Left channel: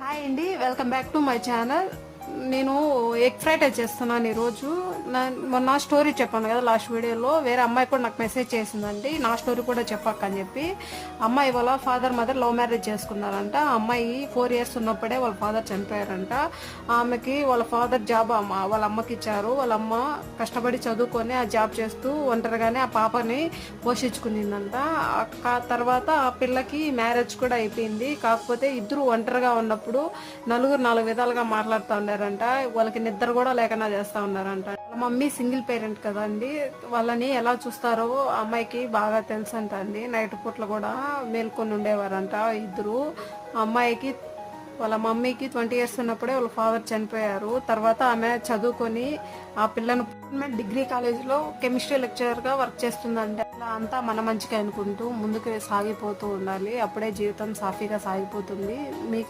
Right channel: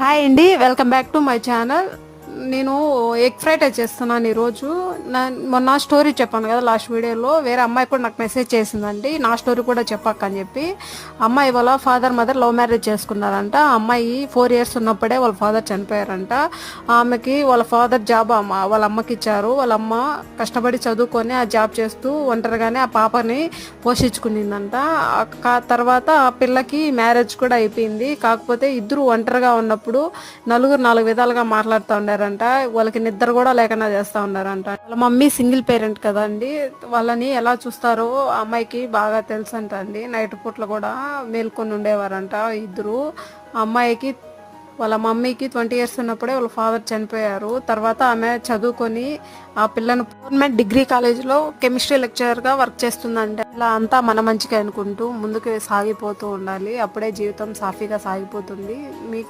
Hi అండి, welcome back to my channel. నేను egg fried rice చేస్తున్నాను ఈరోజు. మొన్న స్టోరీ చెప్పాను కదా లాస్ట్ వీడియోలో, వేరే అమ్మాయి కూడా నాకు మెసేజ్ చేసిందండి నా స్టోరీ కూడా చెప్పక్క అని చెప్పి. అమ్మాయి వాళ్ళ ఫాదర్ మదర్ లవ్ మ్యారేజ్ చేసుకున్నారంట. అమ్మాయి 4 years ఉన్నప్పుడే వాళ్ళ ఫాదర్ చనిపోయారంట. ఆమెకి వాళ్ళ ఫాదర్ జాబ్ వాళ్ళ అమ్మకి ఇచ్చారు. వాళ్ళ అమ్మ కష్టపడి చదువుకొని ఆ జాబ్ చేస్తూ ఒంటరిగానే ఆ పాపని పోషించుకునిందంట. తర్వాత ఆ పిల్లకి మ్యారేజ్ కూడా అయిపోయింది. కాకపోతే ఇద్దరు ఒంటరిగా ఉన్నప్పుడు నలుగురు 4 విధాలుగా మాట్లాడుతూ ఉండారంట. వాళ్ళకి నిద్ర కూడా లేకుండా చేస్తూ ఉన్నారంట. వాళ్ళ మమ్మీ సింగిల్ పేరెంట్ కదండి, వాళ్ళని ఎలా చూస్తారో ఆ అమ్మాయికి బాగా తెలుసు అంట అండి. నైట్ పూట్లు కూడా మేల్కొని ఉండేవారంట ఇద్దరు. ఆ అమ్మాయికి వాళ్ళ మమ్మీకి 20 years ఉన్నప్పుడే వాళ్ళ ఫాదర్ చనిపోయారు. తర్వాత ఆమె చదువుకొని ఆ పిల్లను గవర్నమెంట్ డిగ్రీ కాలేజీలో కెమిస్ట్రీ లెక్చరర్గా వర్క్ చేస్తుందంటే, అలా అంతా మన మంచిగా అనుకుంటూ ముందుకు సాగిపోతూ ఉండాలి. అప్పుడే జీవితం సాఫీగా సాగిపోతుంది. మీకు